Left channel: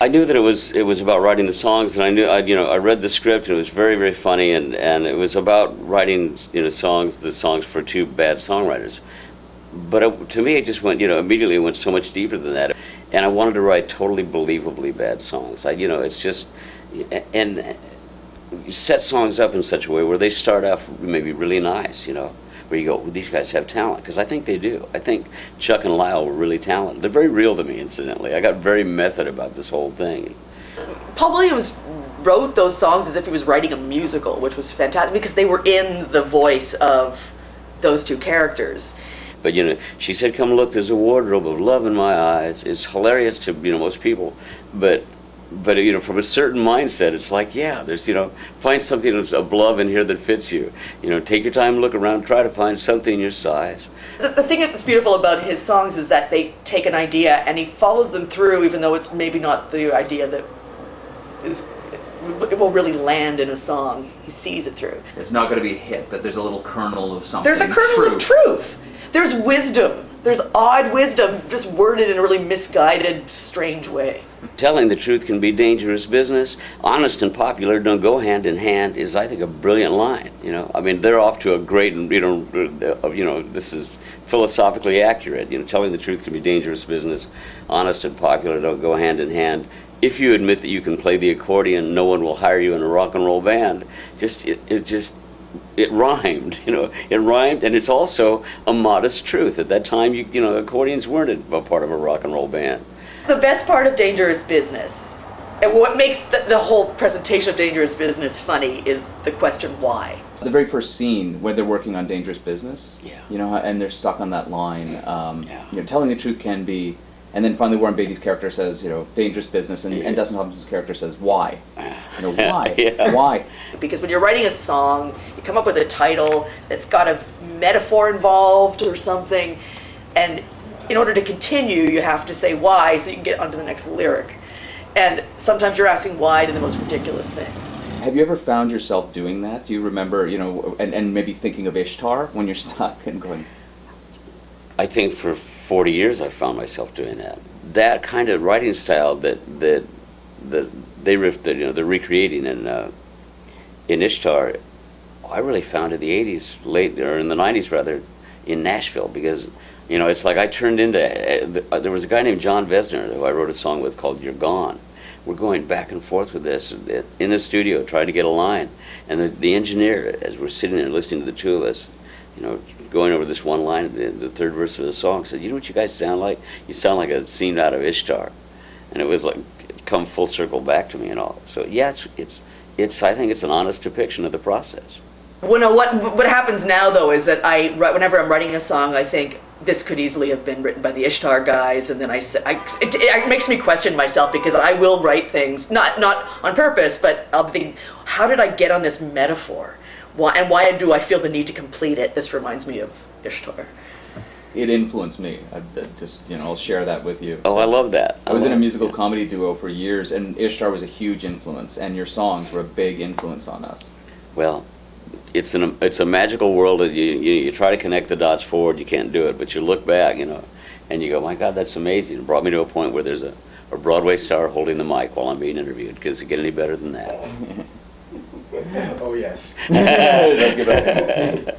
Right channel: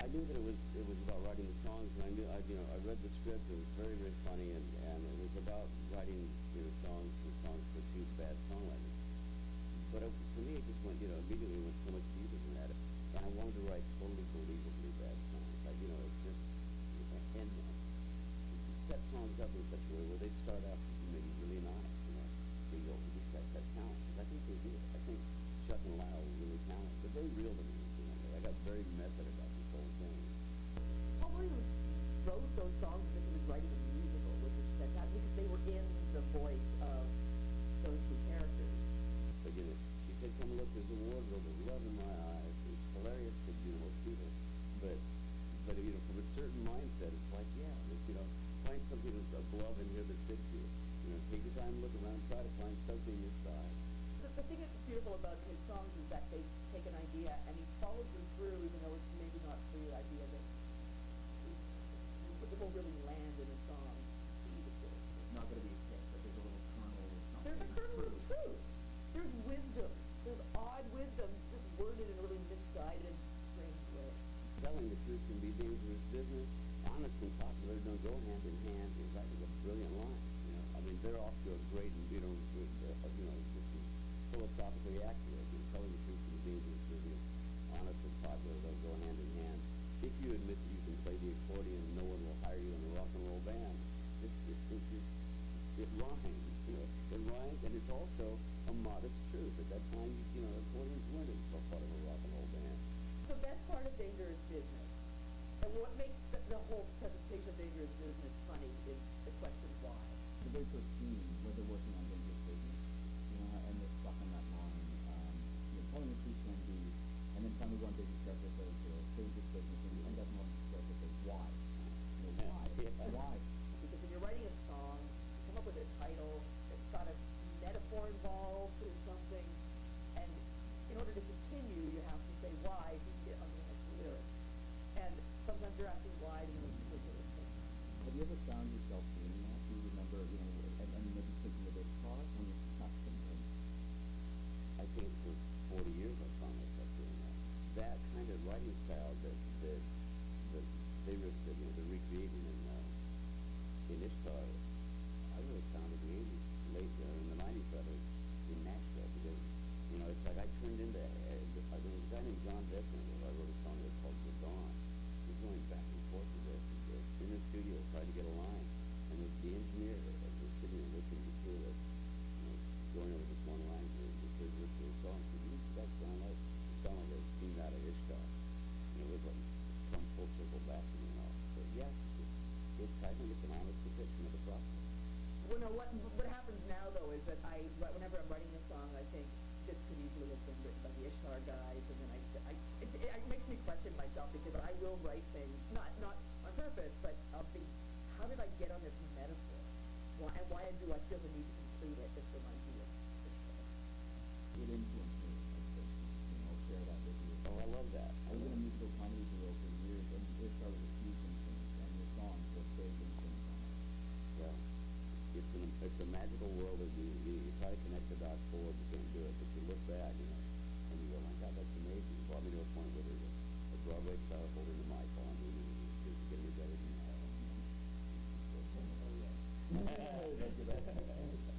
I knew that it was about writing the songs, and I read the script, and it was very, very funny, and it was about writing the songs for two bad songwriters. But to me, it just went immediately went so much deeper than that, and I wanted to write totally believably bad songs. It's just and you set songs up in such a way where they start off maybe really nice, where you go, well, these guys have talent, because I think they do. I think Chuck and Lyle were really talented. They're very real to me, incidentally. I got very method about this whole thing. Paul Williams wrote those songs as if he was writing a musical, which was fantastic because they were in the voice of those two characters. But she said, "Come look, there's a wardrobe of love in my eyes." It's hilarious to most people, but from a certain mindset, it's like, yeah, there's find something of love in here that fits you. Take your time, look around, try to find something in your size. The thing that's beautiful about his songs is that they take an idea and he follows them through, even though it's maybe not the idea that it will really land in a song. He sees it through. It's not going to be a hit, but there's a little kernel of something. There's a kernel of truth. There's wisdom. There's odd wisdom, just worded in a really misguided, strange way. Telling the truth can be dangerous business. Honest and popular don't go hand in hand is, I think, a brilliant line. They're off to a great, this is philosophically accurate. Telling the truth can be dangerous business. Honest and popular don't go hand in hand. If you admit that you can play the accordion, no one will hire you in a rock and roll band. It rhymed, it rhymed, and it's also a modest truth. At that time, accordions weren't a part of a rock and roll band. The best part of Dangerous Business, and what makes the whole presentation of Dangerous Business funny, is the question why. The very first scene when they're working on Dangerous Business, yeah, and they're stuck on that line, yeah. Telling the truth can be, and then finally Warren Beatty's character says, dangerous business, and Dustin Hoffman's character says, why? Why? Yeah. Why? Because when you're writing a song, you come up with a title that's got a metaphor involved or something, and in order to continue, you have to say why so you can get onto the next lyric. And sometimes you're asking why to the most ridiculous things. Have you ever found yourself doing that? Do you remember, and maybe thinking of Ishtar when you're stuck and going? I think for 40 years I found myself doing that. That kind of writing style that they're recreating in Ishtar, I really found in the 80s, or in the 90s rather, in Nashville, because it's like I turned into, there was a guy named John Vesner who I wrote a song with called You're Gone. We're going back and forth with this in the studio, trying to get a line. And the engineer, as we're sitting there listening to the two of us, going over this one line, the third verse of the song, said, "You know what you guys sound like? You sound like a scene out of Ishtar." And it was like, it come full circle back to me and all. So yeah, it's I think it's an honest depiction of the process. Well, what happens now though is that whenever I'm writing a song, I think this could easily have been written by the Ishtar guys, and then it makes me question myself, because I will write things not on purpose, but I'll be thinking, how did I get on this metaphor? Why do I feel the need to complete it? This reminds me of Ishtar. It influenced me. I'll share that with you. Oh, I love that. I was in a musical comedy duo for years, and Ishtar was a huge influence, and your songs were a big influence on us. Well, it's a magical world that you try to connect the dots forward, you can't do it, but you look back, and you go, my God, that's amazing. It brought me to a point where there's a Broadway star holding the mic while I'm being interviewed. Does it get any better than that? Oh, yes. Let's get back.